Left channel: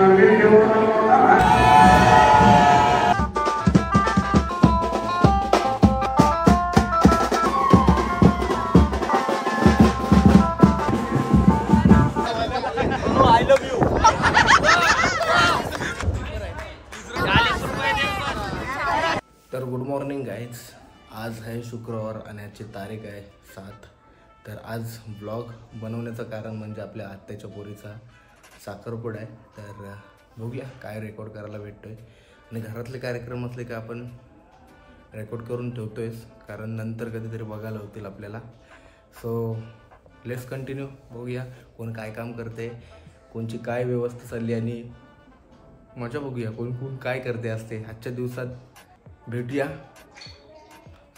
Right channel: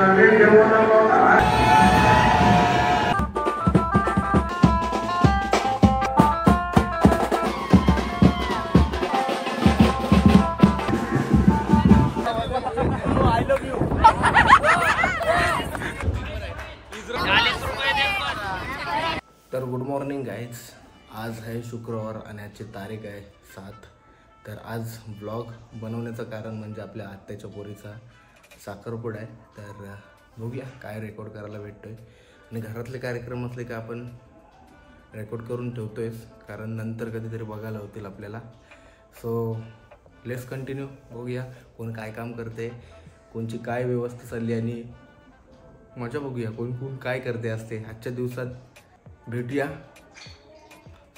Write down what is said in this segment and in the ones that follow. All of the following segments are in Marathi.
तर गुड मॉर्निंग गाईज, आज आहे शुक्रवार आणि आजची तारीख आहे 7. तर आज ब्लॉग बनवण्याचं कारण म्हणजे आपल्या आत्याच्या पोरीचा साखरपुडा आहे. तर बघूया काय रेकॉर्ड करायला भेटतोय आणि घरातले कार्यक्रम असले की आपण रेकॉर्ड करून ठेवतोयच, कारण नंतर कधीतरी बघायला होतील आपल्याला. So let's continue. बघूया कोण काय काम करते, कोणची काय व्यवस्था चालली आणि मजा बघूया कोण कोण काय करते असते आजच्या दिवसात. भेटूया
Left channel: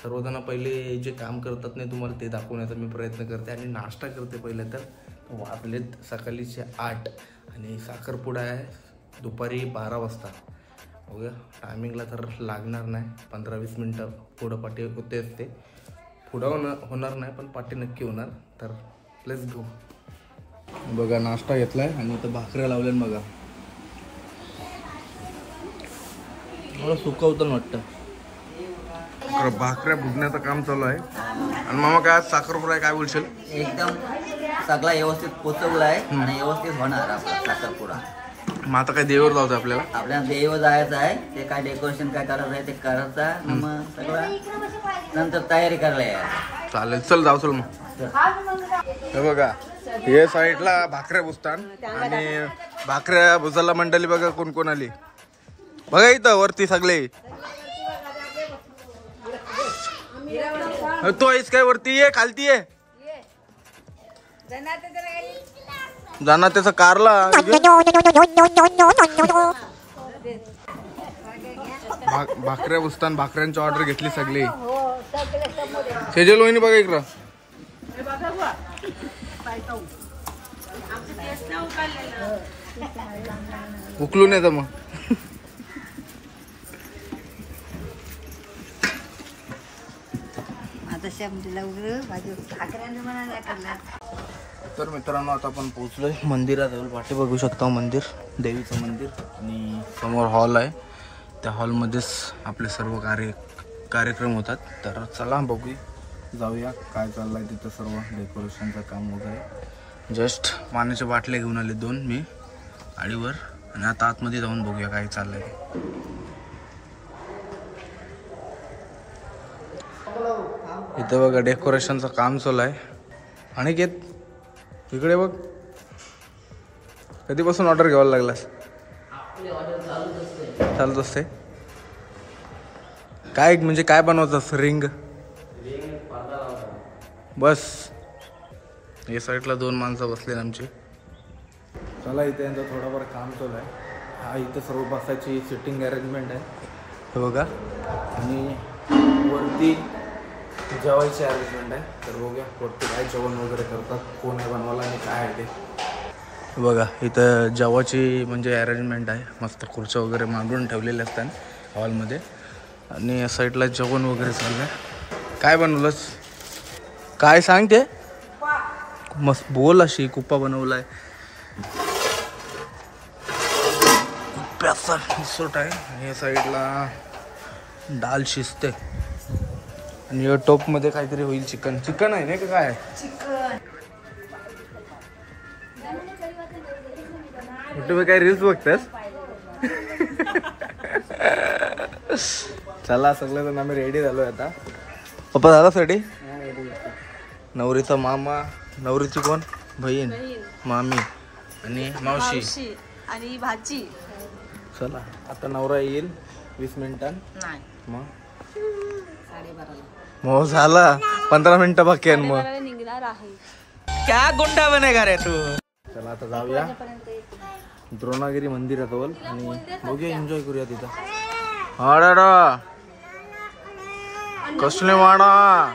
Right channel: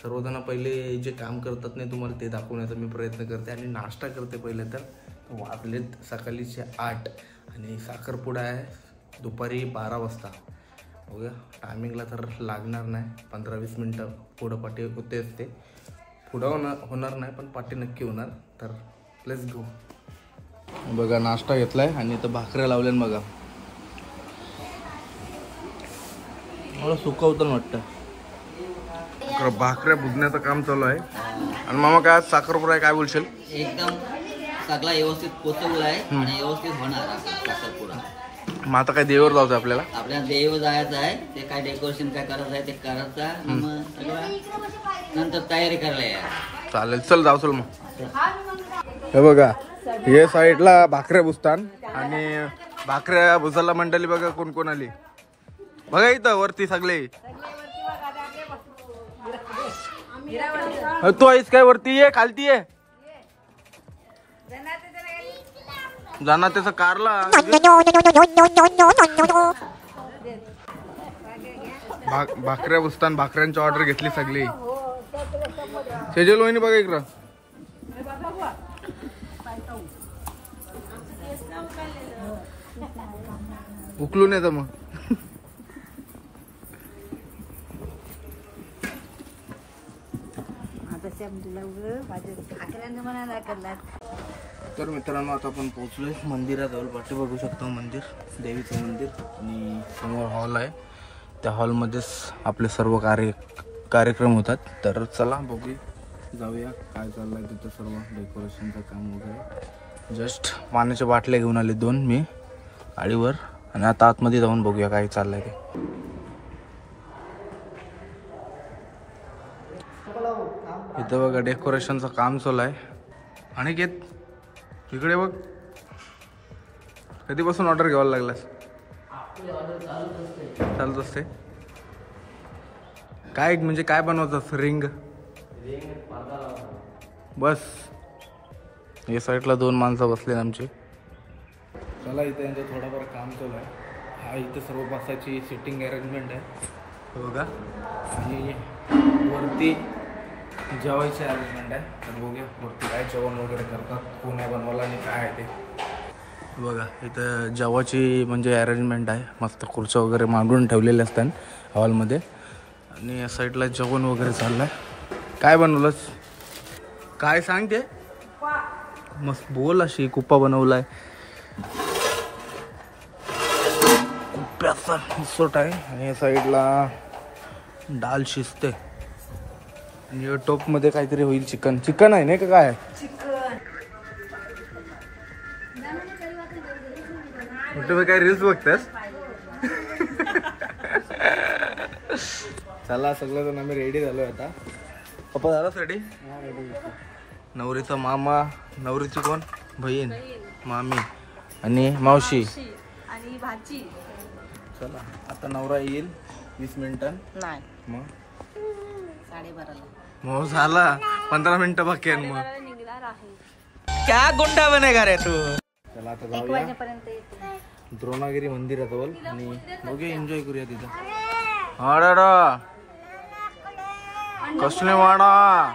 सर्वजण. पहिले जे काम करतात नाही तुम्हाला ते दाखवण्याचा मी प्रयत्न करते आणि नाश्ता करते. पहिले तर वाजलेत सकाळीचे 8 आणि साखरपुडा आहे दुपारी 12 वाजता. बघूया टायमिंगला तर लागणार नाही, 15-20 मिनटं पुढं पाठी होतेच. ते पुढं होणार नाही पण पाठी नक्की होणार. तर लेट्स गो. बघा नाश्ता घेतलाय आणि इथं भाकऱ्या लावल्या बघा. मला सुकवतं वाटतं. भाकऱ्या भुजण्याचं काम चालू आहे. आणि मामा काय आज साखरपुडा आहे, काय बोलशील? एकदम सगळा व्यवस्थित पोचवला आहे आणि व्यवस्थित होणार आपला साखरपुडा. मग आता काय देवावर जायचं आपल्याला देव जायचं आहे. ते काय डेकोरेशन काय करायचं आहे ते करायचं, मग सगळं नंतर तयारी करायला आहे. चालेल, चल जाऊ. चल मग हे बघा हे साईडला भाकऱ्या भुजतान आणि भाकऱ्या भुजाला मंडळी बघा कोण कोण आली. बघा इथं वरती सगळे. तू आहेस काय वरती? ये खालती ये जाणार त्याचा कारला. भाकऱ्या बुसतान भाकऱ्यांची ऑर्डर घेतली सगळी. सेजल वहिनी बघा इकडं. उकलून येतं मग. तर मित्रांनो आता आपण पोहोचलोय मंदिरात. पाठी बघू शकता मंदिर, देवीचं मंदिर आणि समोर हॉल आहे. त्या हॉलमध्येच आपले सर्व कार्यक्रम होतात. तर चला बघू जाऊया काय चाललंय तिथं. सर्व डेकोरेशनचं काम वगैरे. जस्ट पाण्याच्या बाटल्या घेऊन आले 2 मी गाडीवर आणि आता आतमध्ये जाऊन बघूया काय चाललंय ते. इथं बघा डेकोरेशनचं काम चालू आहे. आणि इकडे बघ कधीपासून ऑर्डर घ्यायला लागलास? चालत असते. काय म्हणजे काय बनवतात? रिंग बस. या साईडला 2 माणसं बसले आमचे. चला इथे यांचं थोडंफार काम चालू आहे. हा इथं सर्व बसायची सिटिंग अरेंजमेंट आहे हे बघा. आणि वरती जेवायची अरेंजमेंट आहे. तर बघूया वरती काय जेवण वगैरे करतात, कोण आहे बनवायला आणि काय आहे ते बघा. इथं जेवायची म्हणजे अरेंजमेंट आहे. मस्त खुर्च्या वगैरे मांडून ठेवलेल्या असतात हॉलमध्ये. आणि या साईडला जेवण वगैरे चाललं आहे. काय बनवलंस? काय सांग ते? मस्त बोल. अशी कुप्पा बनवला आहे. कुप्प्याचा उसट आहे. आणि या साईडला डाल शिजते आणि टोप मध्ये काहीतरी होईल. चिकन आहे नाही का? काय तुम्ही काय रील्स बघतास? चला सगळेजण आम्ही रेडी झालोय आता. पप्पा झाला साठी? नवरीचा मामा, नवरीची कोण? बहीण, मामी आणि मावशी आणि भाजी. चला आता नवरा येईल 20 मिनिटांनी. नाही मग 12:30ला. मग झाला 15 मिनिटं बाकी आहे. मग क्या गुंडा बनेगा रे तू. चला आता जाऊया द्रोणागिरी मंदिराजवळ आणि बघूया, एन्जॉय करूया तिथं. कसले वाडा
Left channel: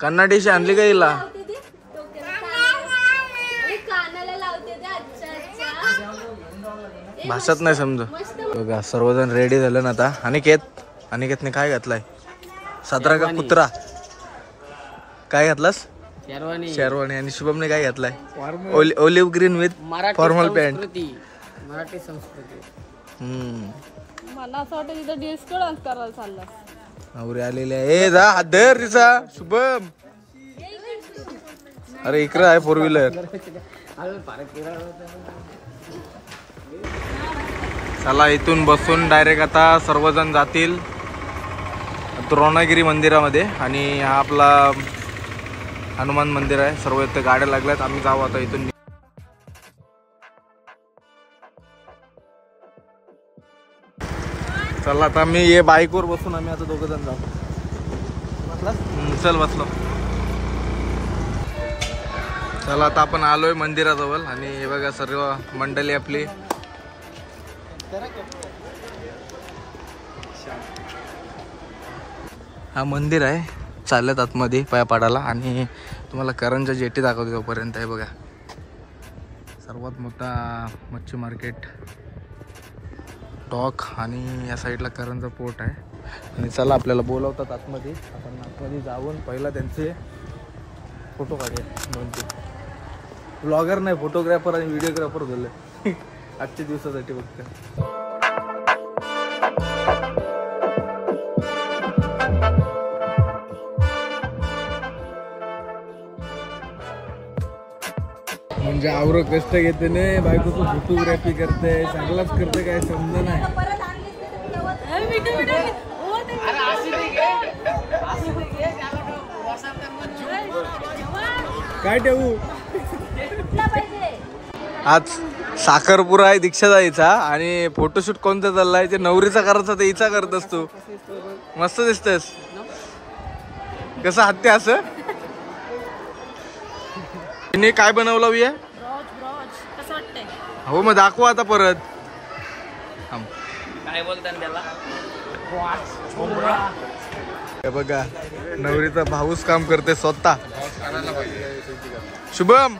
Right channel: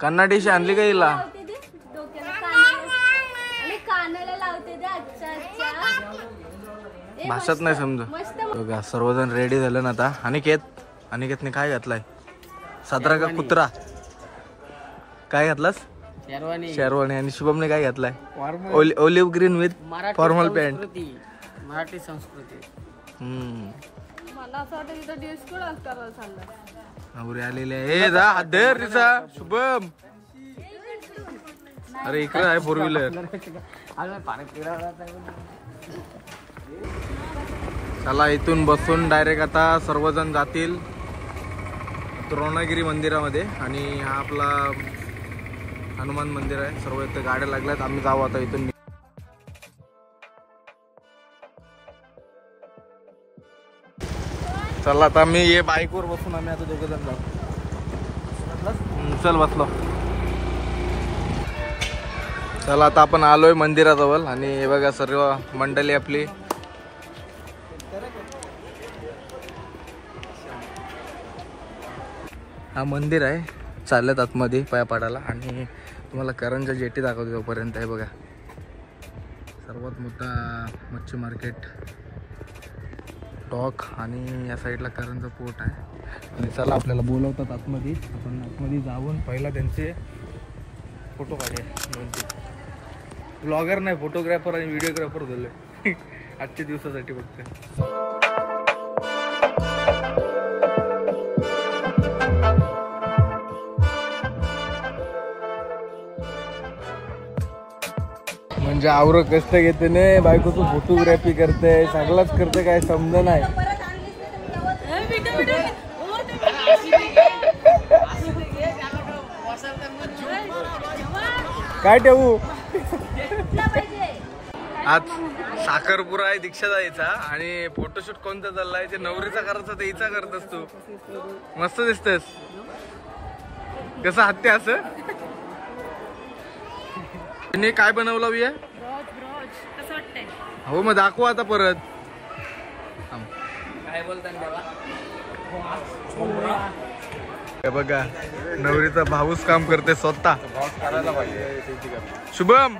कन्नाडीशी आणली का हिला? भाषात नाही समज. बघा सर्वजण रेडी झालं ना आता. अनिकेतने काय घातलाय? सादरा का कुत्रा? काय घातलास? शेरवानी आणि शुभमने काय घातलाय olive green with formal pant. Marathi संस्कृती. मला असं वाटतं तिथं डिस्को डान्स करायला चालला. नवरी आलेली आहे. ए जा हात धर तिचा शुभम. अरे इकडं आहे 4 व्हीलर. चला इथून बसून डायरेक्ट आता सर्वजण जातील द्रोणागिरी मंदिरामध्ये. आणि हा आपला हनुमान मंदिर आहे. सर्व इथे गाड्या लागल्यात. आम्ही जाऊ आता इथून. चला आता मी ये बाईकवर बसून आम्ही आता 2 जण जाऊ. चल बसलो. चला आता आपण आलोय मंदिराजवळ आणि हे बघा सर्व मंडळी आपली. हा मंदिर आहे. चालल्यात आतमध्ये पाया पाडायला आणि तुम्हाला करंजा जेटी दाखवते तोपर्यंत. आहे बघा सर्वात मोठा मच्छी मार्केट डॉक आणि या साईडला करंजा पोर्ट आहे. आणि चला आपल्याला बोलवतात आतमध्ये. आपण आतमध्ये जाऊन पहिला त्यांचे फोटो काढूया 2-3. ब्लॉगर नाही फोटोग्राफर आणि व्हिडिओग्राफर झाले आजच्या दिवसासाठी फक्त. म्हणजे आवर कष्ट घेते ने बायकोचं फोटोग्राफी करते. चांगलाच करते काय समजा नाही. काय ठेवू. आज साखरपुरा आहे दीक्षा जायचा आणि फोटोशूट कोणता चाललाय ते नवरीचा करायचा ते हिचा करत असतो. मस्त दिसतेस. कसं हत्या असं तिने काय बनवलं ये. कसं वाटतंय. हो मग दाखवू आता परत. काय बोलतात त्याला. हे बघा नवरीचा भाऊच काम करते स्वतः. शुभम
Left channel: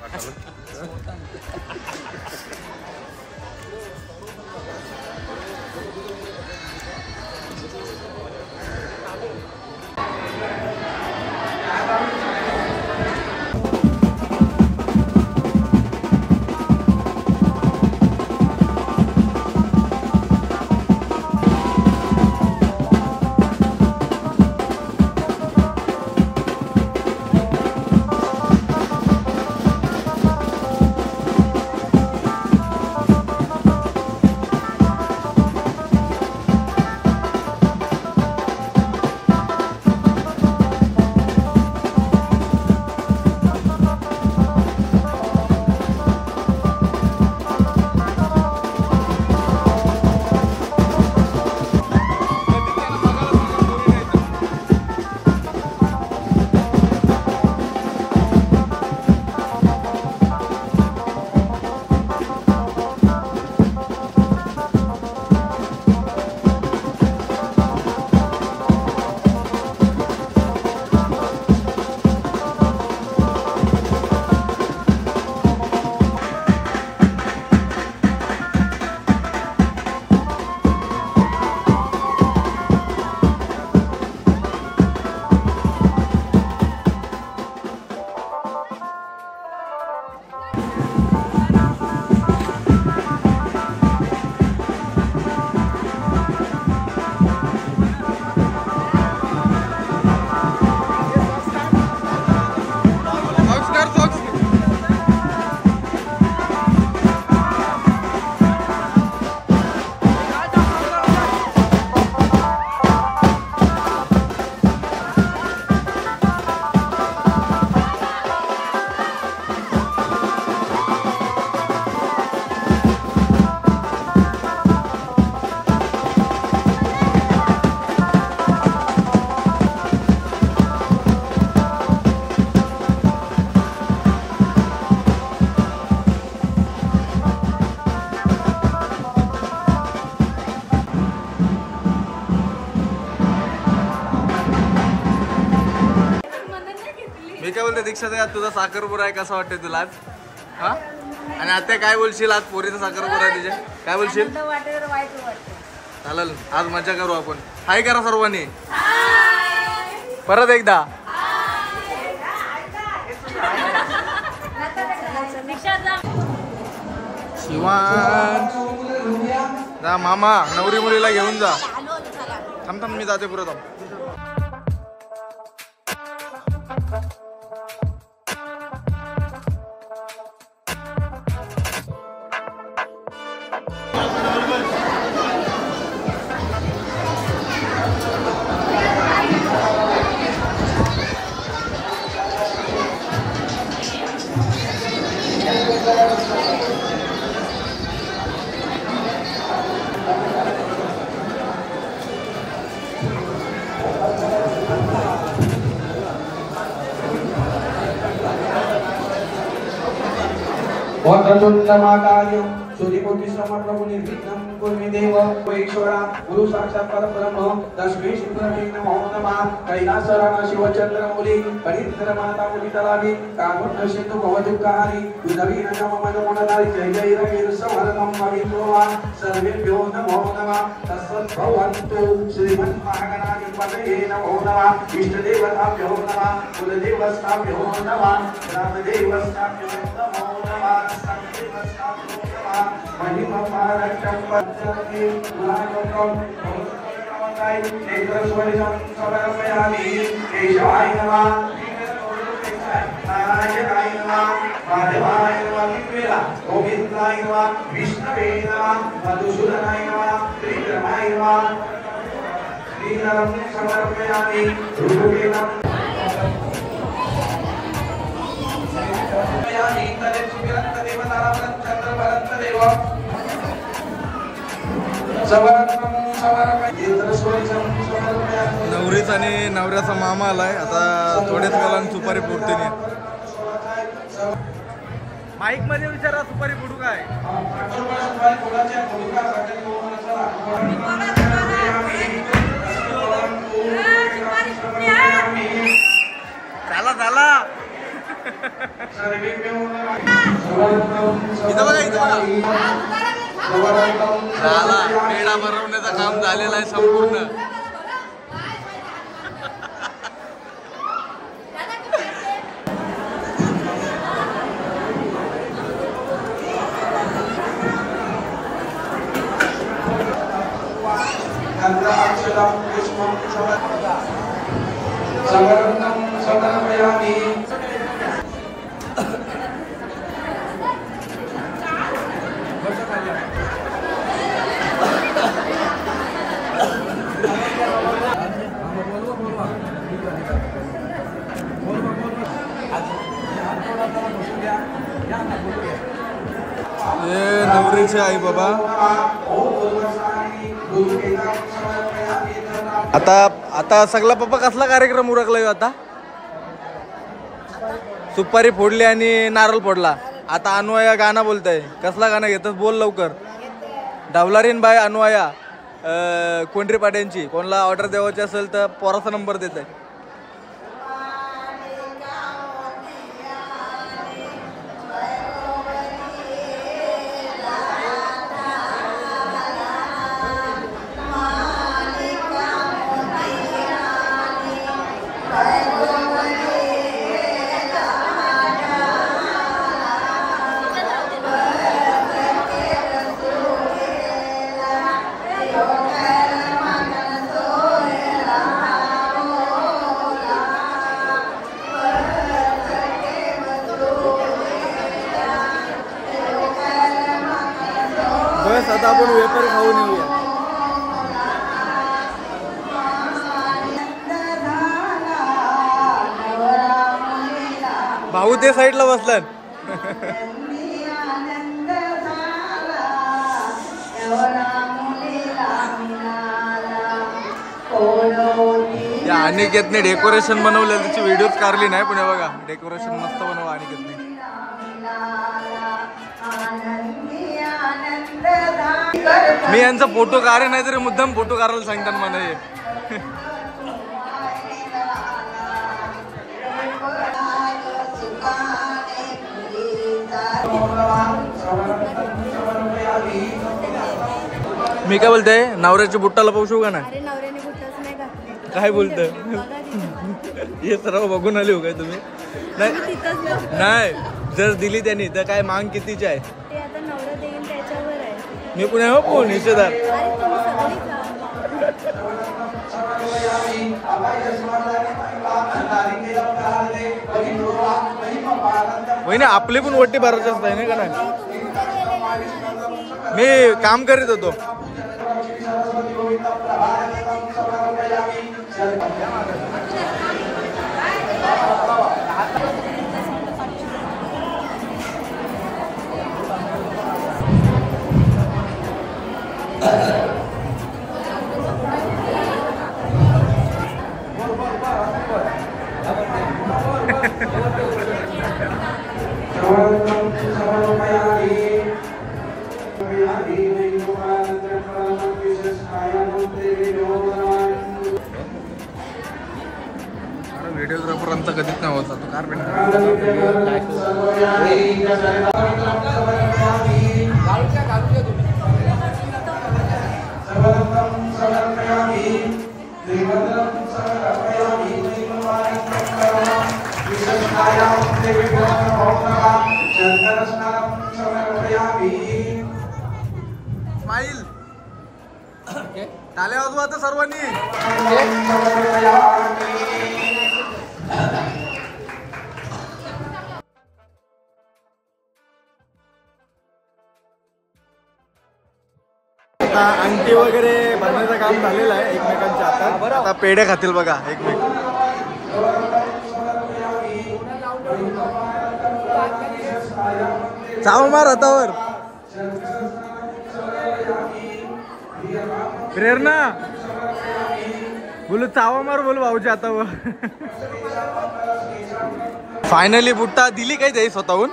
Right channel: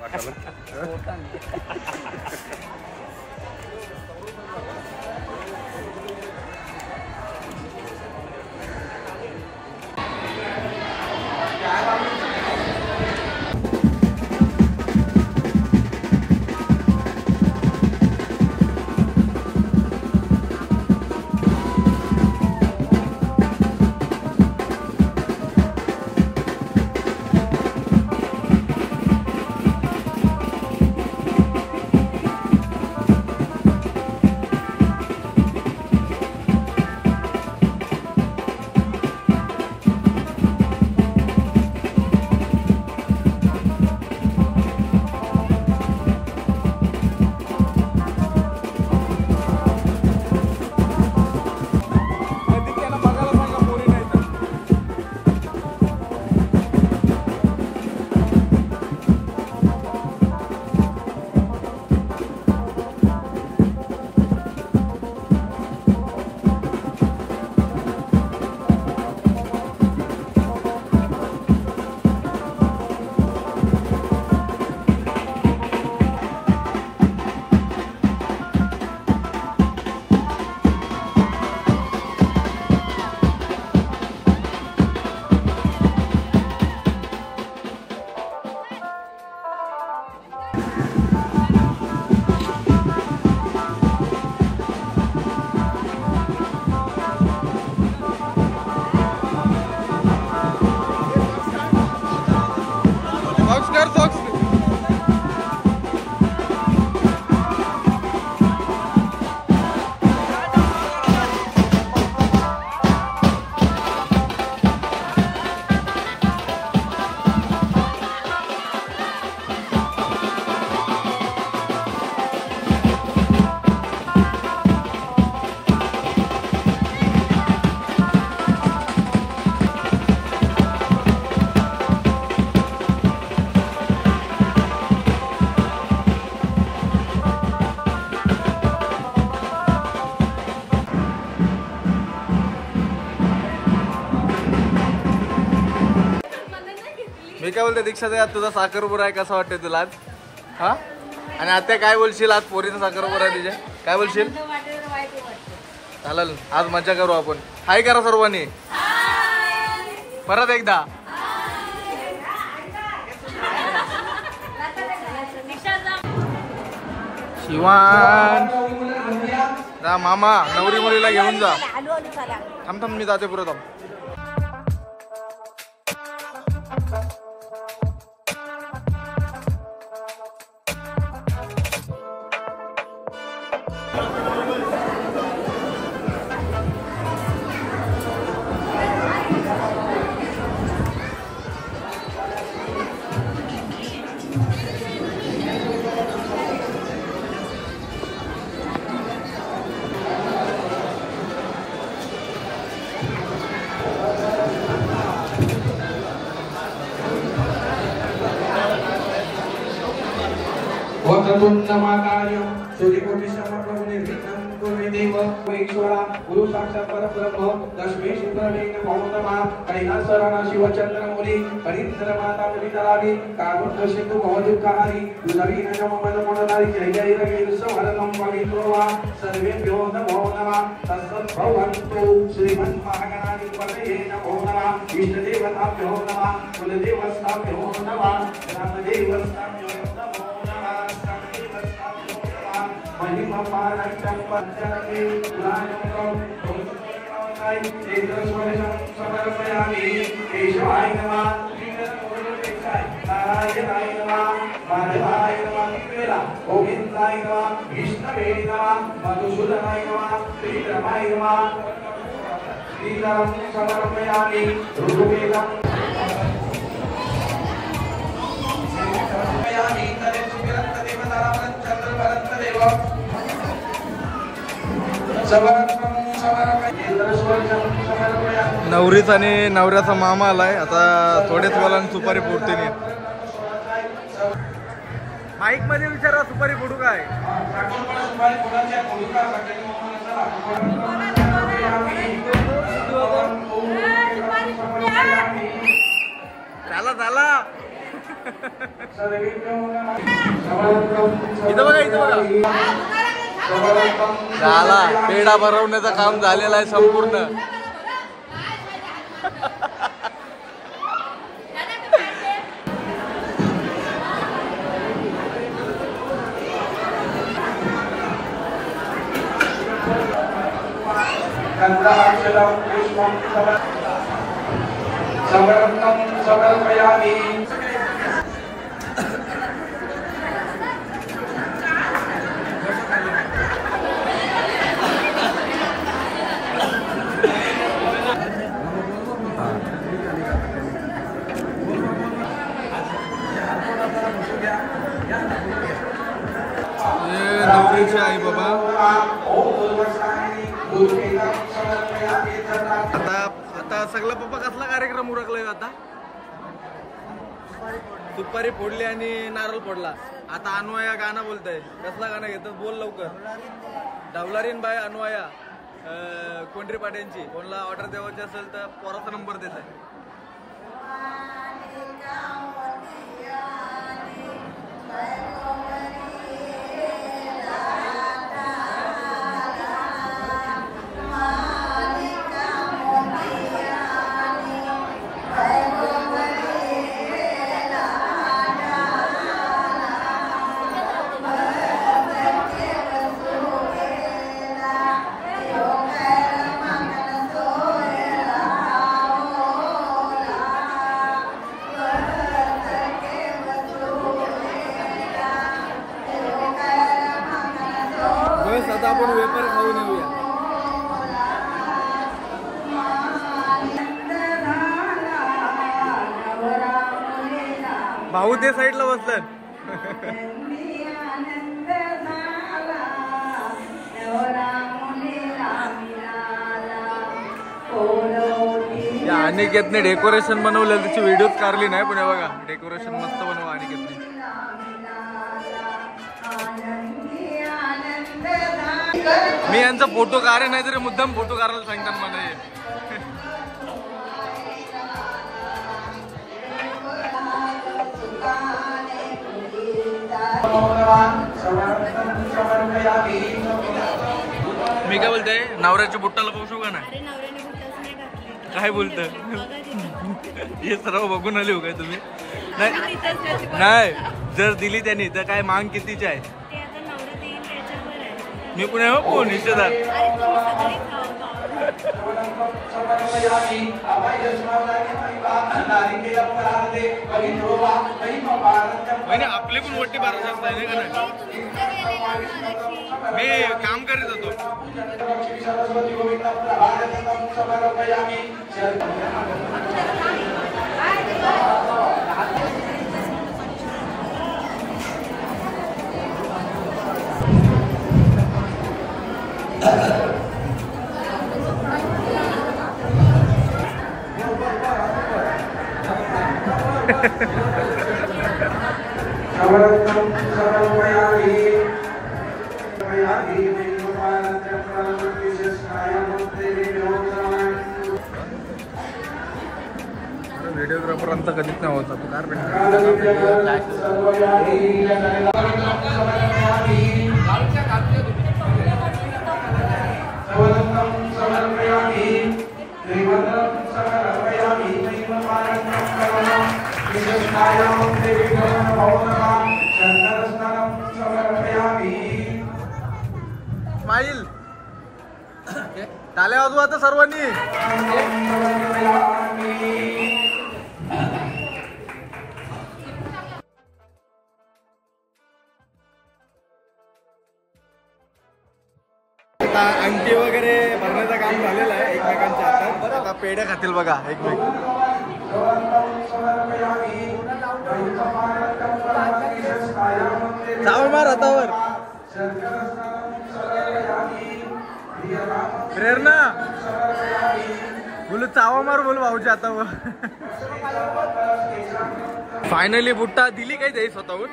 मी काय बोलते दीक्षा यात तुझा साखरपुरा आहे कसा वाटतंय तुला आज. हा आणि आता काय बोलशील. आज पोरीचा साखरपुरा आहे तुझ्या. काय बोलशील. चालेल आज मजा करू आपण. हाय करा सर्वांनी परत एकदा. शिवान जा मामा नवरी मुलीला घेऊन जा. थांब थांब मी जाते पुढे थांब. वक्रतुण्डमहाकाय सूर्यकोटिसमप्रभो निर्विघ्नं कुरु देव ईश्वरा गुरु साक्षात् परब्रह्म तस्मै श्रीगुरवे नमो नमः. कैलासराणा शिवचंद्रमौली करींद्र माता मुनितलावी काकुण्ड सिंधु भवदुःखहारी नवीन मनमोहनदारी जय जय रवीर समर्पं पवित्रोवा सर्वेभ्यो नमो नमः. तत्सद्भवन्तु श्रीमन्महागणाधिपतये नमो नमः. इष्टदेवताभ्यो नमः. कुलदेवताभ्यो नमः. ग्रामदेवताभ्यो नमो महिमा महाराष्ट्र पंचमी महाजंगम समर्पयामि. केशवाय नमः. नारायणाय नमः. माधवाय नमः. गोविंदाय नमः. विष्णवे नमः. मधुसूदनाय नमः. त्रिविक्रमाय नमः. लीलं समर्पयामि. ऋतुवेदं नवरीचा आणि नवऱ्याचा मामा आलाय. आता थोड्याच वेळानं सुपारी फोडते. माईक मध्ये विचारा सुपारी फोडू काय. झाला झाला. इथं बघा इथं बघा. झाला पेढा भरवण्याचं काम झालेलं आहे संपूर्ण. नवरीचे आई बाबा. आता सगळा पप्पा कसला कार्यक्रम उरकलाय. आता सुपारी फोडली आणि नारळ फोडला. आता अनुया गाणं बोलताय. कसला गाणं घेतस बोल लवकर. डावलारीन बाय अनुया कोंढरी पाट्यांची. कोणाला ऑर्डर द्यावायची असेल तर पोराचा नंबर देत आहे. बस आता आपण वेपर खाऊन येऊया. भाऊ ते साईडला बसलात. अनिकेतने डेकोरेशन बनवलं. त्याची व्हिडिओच काढली नाही पण बघा डेकोरेशन मस्त बनवा अनिकेतने. मी यांचा फोटो काढे नाही तरी मुद्दाम फोटो काढायला सांगतात मला हे. मी काय बोलते नवऱ्याच्या बुट्टाला पाहू का ना. काय बोलत हे सर्व बघून आले हो काय तुम्ही. नाही जर दिली त्यांनी तर काय मांग कितीची आहे. मी पुणे हो कोण निषेधार अरे तुम्ही सगळी खावा. वहिनी आपली पण वट्टी भरायची असते नाही का ना? तुम्ही कुठे गेलेला मगाशी? मी काम करीत होतो. व्हिडिओग्राफरांचा कधीच नाही होता तो कार स्माईल टाळ्या वाजवा आता सर्वांनी. आता अंगठी वगैरे भरण्याचं काम झालेलं आहे एकमेकांच्या हातात. आता पेढे खातील बघा एकमेक. चाव मार हातावर. प्रेरणा बोलू चावा मार बोल भाऊच्या हातावर. फायनली बुट्टा दिली काय ते स्वतःहून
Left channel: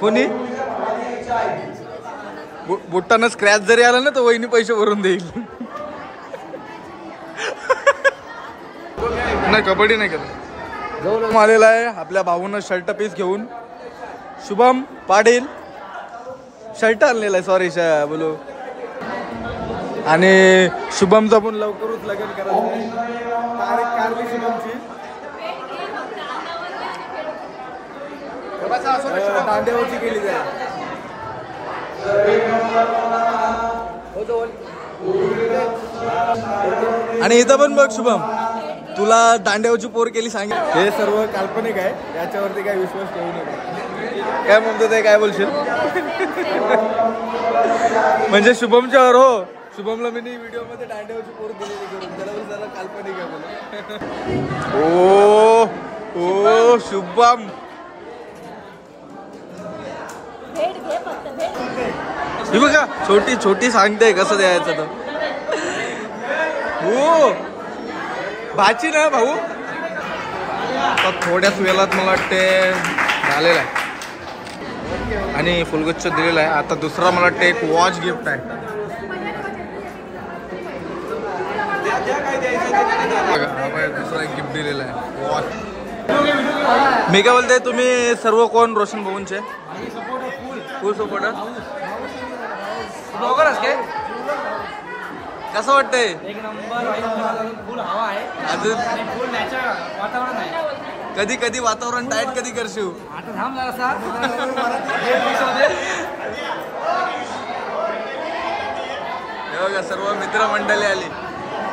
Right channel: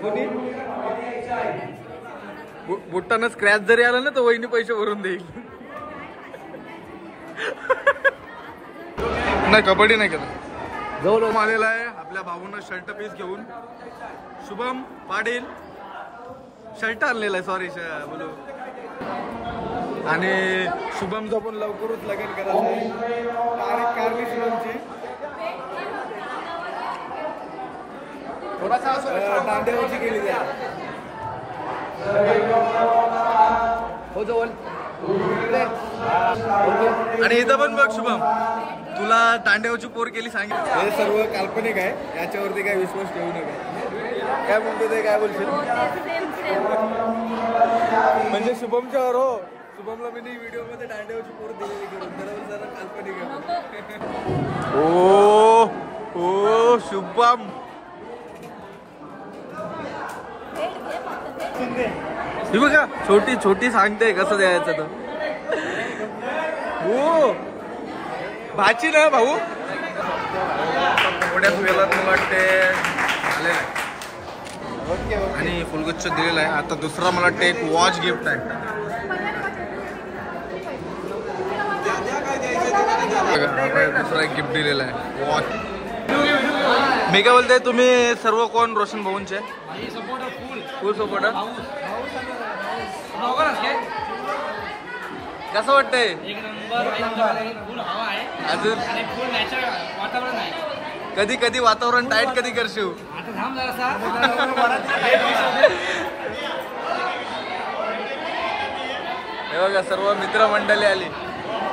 कोणी. बुट्टानं स्क्रॅच जरी आला ना तर वहिनी पैसे भरून देईल. नाही कबड्डी नाही केलं. आलेला आहे आपल्या भाऊनं शर्ट पीस घेऊन. शुभम पाटील शर्ट आणलेला आहे सॉरी बोलू. आणि शुभमचा पण लवकरच लगन करायचं आहे. तारीख कारली शुभमची. दांड्यावरची केली जाईल. आणि इथं पण बघ शुभम तुला दांड्यावरची पोर केली सांगितलं. हे सर्व काल्पनिक आहे याच्यावरती काय विश्वास ठेवू नका. काय म्हणतो ते काय बोलशील. म्हणजे शुभमच्यावर हो. शुभमला मी व्हिडिओ मध्ये दांड्यावरची पोर दिलेली त्याला काल्पनिक आहे. ओ ओ शुभम ही बघा छोटी छोटी सांगते कसं द्यायचं तर. हो भाची ना भाऊ. थोड्याच वेळात मला वाटते झालेला आहे आणि फुलगच्छ दिलेला आहे. आता दुसरा मला वाटते एक वॉच गिफ्ट आहे. दुसरा एक गिफ्ट दिलेला आहे वॉच. मी काय बोलते तुम्ही सर्व कोण रोशन भाऊंचे फुल सपोर्टर. कसं वाटतंय. एक नंबर फुल हवा आहे अजून आणि फुल नॅचरल वातावरण आहे. कधी कधी वातावरण टाईट कधी करशील. आता थांब जरासा. हे बघा सर्व मित्रमंडळी आली.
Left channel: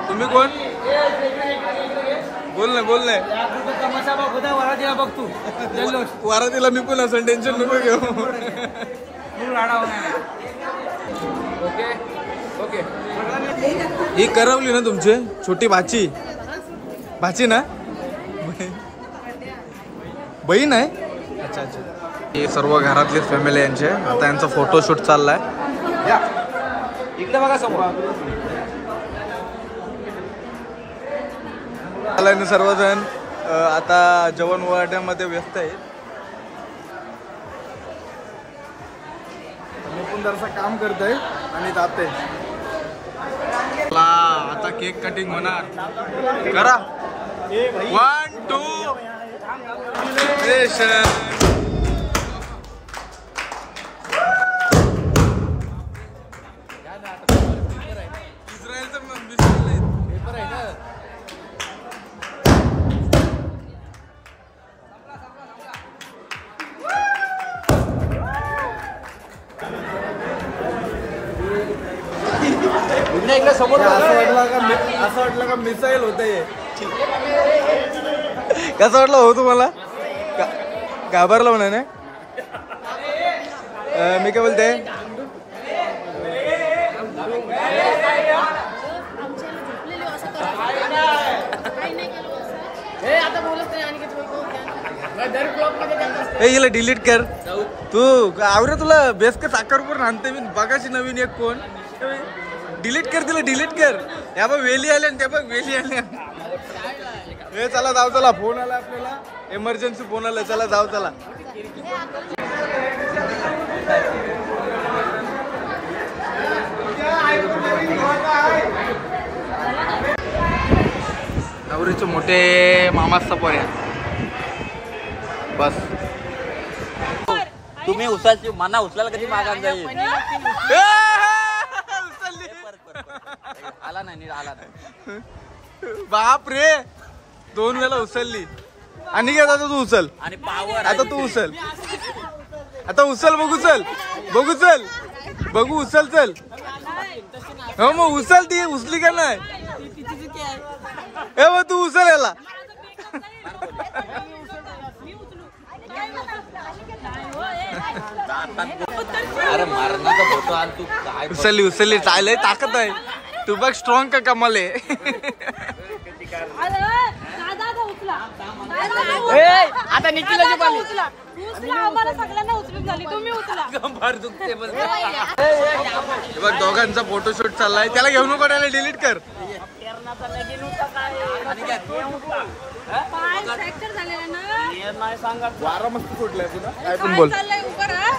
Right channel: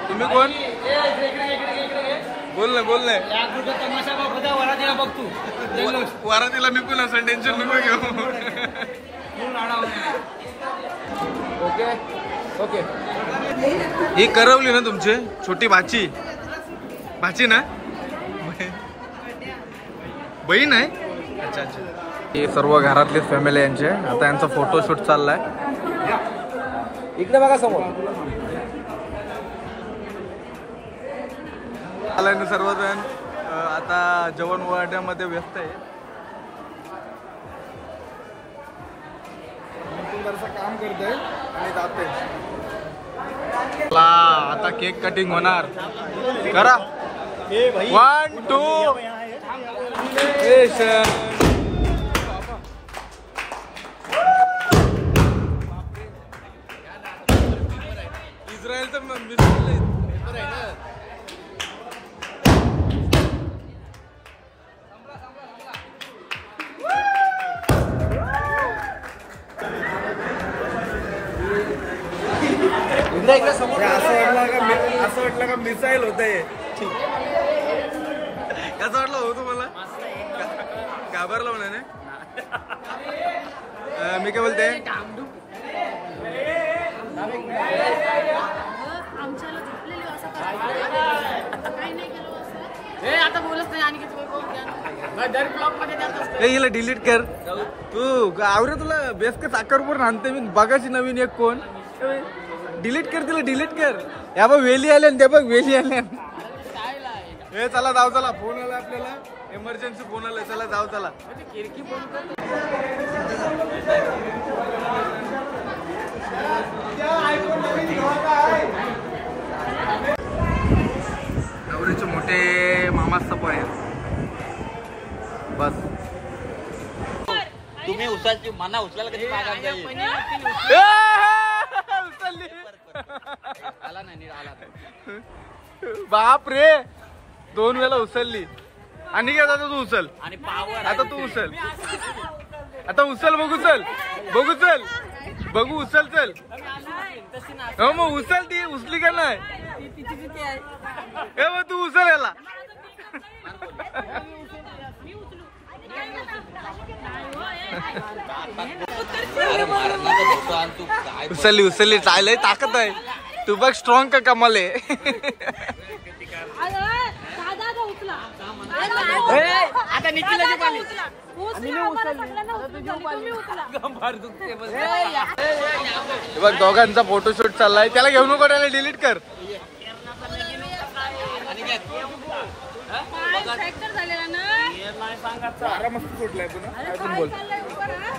तुम्ही कोण बोल ना बोल ना. या ग्रुपचा तमाशा बघ होता वरातीला बघ तू. वारातीला मी पण असं टेन्शन नको घेऊ. फुल राडा ओके ओके. ही करवली ना तुमची छोटी भाची भाची ना बहीण आहे. अच्छा अच्छा. हे सर्व घरातलीच फॅमिली यांचे. आता यांचा फोटोशूट चाललाय. इकडे बघा समोर. सर्वजण आता जेवण वाढण्यामध्ये व्यस्त आहे. जरासं काम करतोय आणि जाते. आता केक कटिंग होणार. करा 1 2. इस्रायलचं इकडे समोर असं वाटलं का मिसाईल होत आहे. कसं वाटलं हो तुम्हाला? घाबरलं म्हणा ना. मी काय बोलते, हिला डिलीट कर तू. आवरे तुला बेस का साखरपूर आणते मी बघाशी नवीन एक फोन. डिलीट कर तिला, डिलीट कर. या बघ वेली आल्या ते बघ वेली आल्या. हे चला जाऊ, चला फोन आला आपल्याला, इमर्जन्सी फोन आला, चला जाऊ चला. नवरीचे मोठे मामा सपोर आहे बस. तुम्ही उचलची मना उचलायला कधी मागायला जाईल. आला नाही आला नाही. बाप रे, 2 वेळा उचलली. आणि काय आता तू उचल, आणि पावर आता तू उचल, आता उचल, बघू चल, बघू चल, बघू उचल चल. हो मग उचल, ती उचली का नाही? हे मग तू उचल याला. उचलली उचलली, चालय ताकद आहे. तू बघ स्ट्रॉंग का कमाल आहे. आता निखिल बघ दोघांचा फोटोशूट चाललाय. त्याला घेऊन नको, त्याला डिलीट कर. फ्रॅक्चर झालेला ना, वारा मस्त सुटलाय पुन्हा. काय पण बोल. उभं राहा.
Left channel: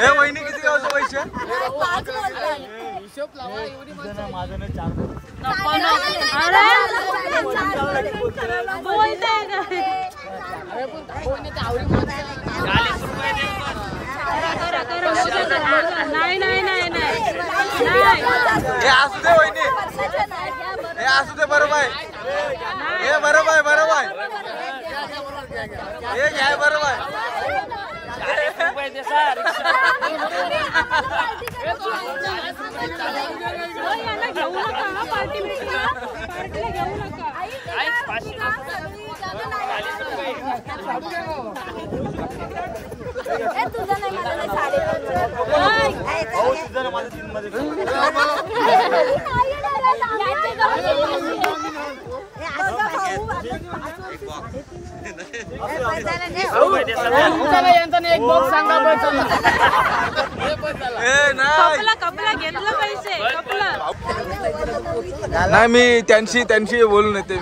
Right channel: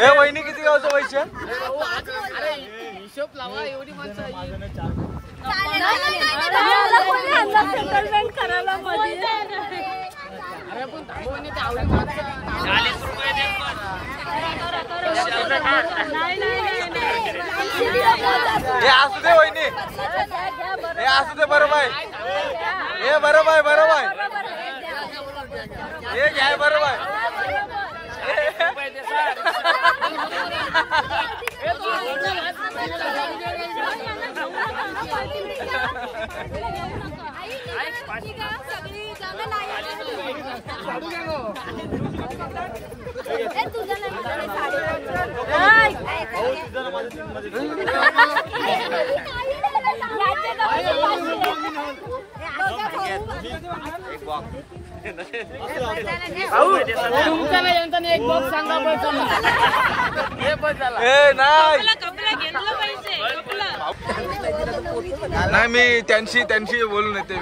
हे वहिनी किती गावचं पैसे हे असू दे वहिनी हे असू दे बरोबर आहे हे बरोबर आहे बरोबर आहे हे घ्या बरोबर आहे एक बॉक्स सांगा नाही मी त्यांशी बोलून येते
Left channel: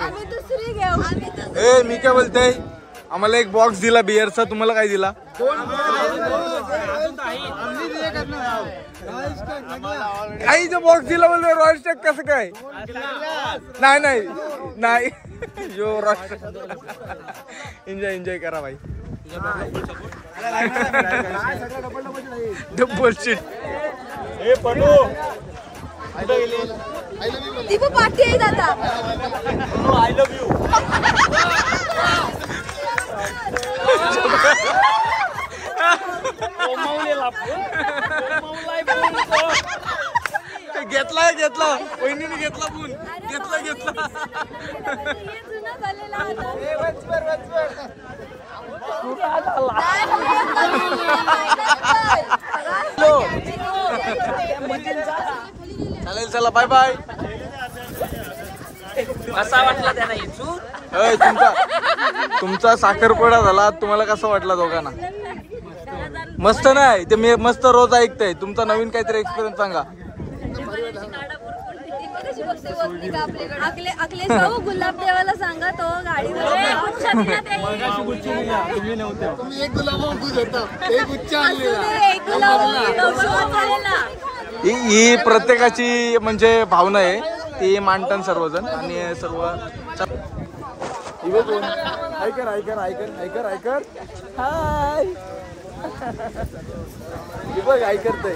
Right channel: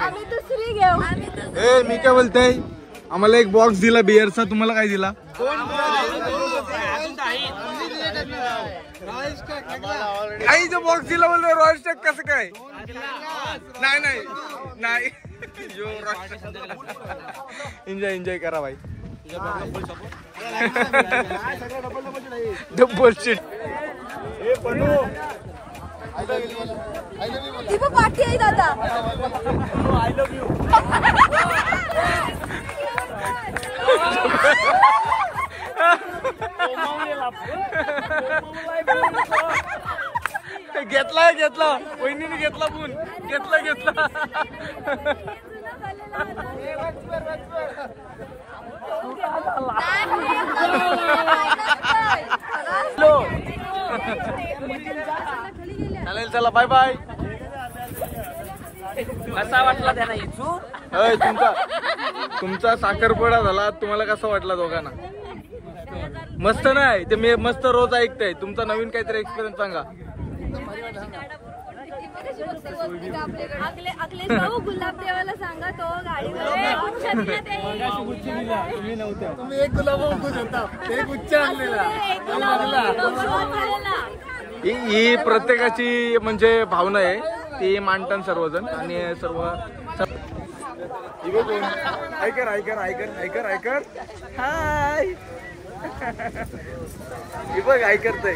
मी काय बोलते आम्हाला एक बॉक्स दिला बिअरचा तुम्हाला काय दिला काहीचा बॉक्स दिला बोलतो रॉयल स्टॅक कसं काय नाही एन्जॉय करा भाई डबल सीट पार्टी आहे दादा आय लव्ह यू घेतला वहिनीने घेतला फोन घेतला चालेल चला बाय बाय कसा वाटला त्यांना इचू तुमचा साखरपुडा झाला तुम्हाला कसा वाटला दोघांना मस्त नाही ते मी मस्त रोज ऐकतोय तुमचा नवीन काहीतरी एक्सपिरियन्स सांगा गुलाब देवाला सांगा तो गाडीवर तुम्ही नव्हत्या ही प्रत्येकाची म्हणजे भावना आहे ती मांडतात सर्वजण आणि सर्व कोण ऐकर हाय ही बघ ऐकतय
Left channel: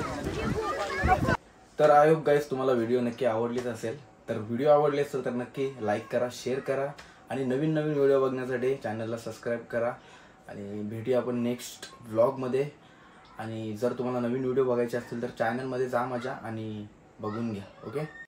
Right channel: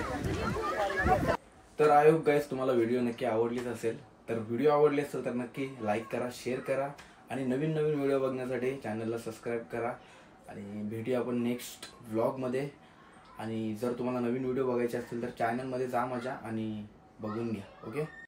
तर आय होप गाईस तुम्हाला व्हिडिओ नक्की आवडलीच असेल तर व्हिडिओ आवडले असेल तर नक्की लाईक करा शेअर करा आणि नवीन व्हिडिओ बघण्यासाठी चॅनलला सबस्क्राईब करा आणि भेटूया आपण नेक्स्ट व्लॉगमध्ये आणि जर तुम्हाला नवीन व्हिडिओ बघायचे असतील तर चॅनलमध्ये जा माझ्या आणि बघून घ्या ओके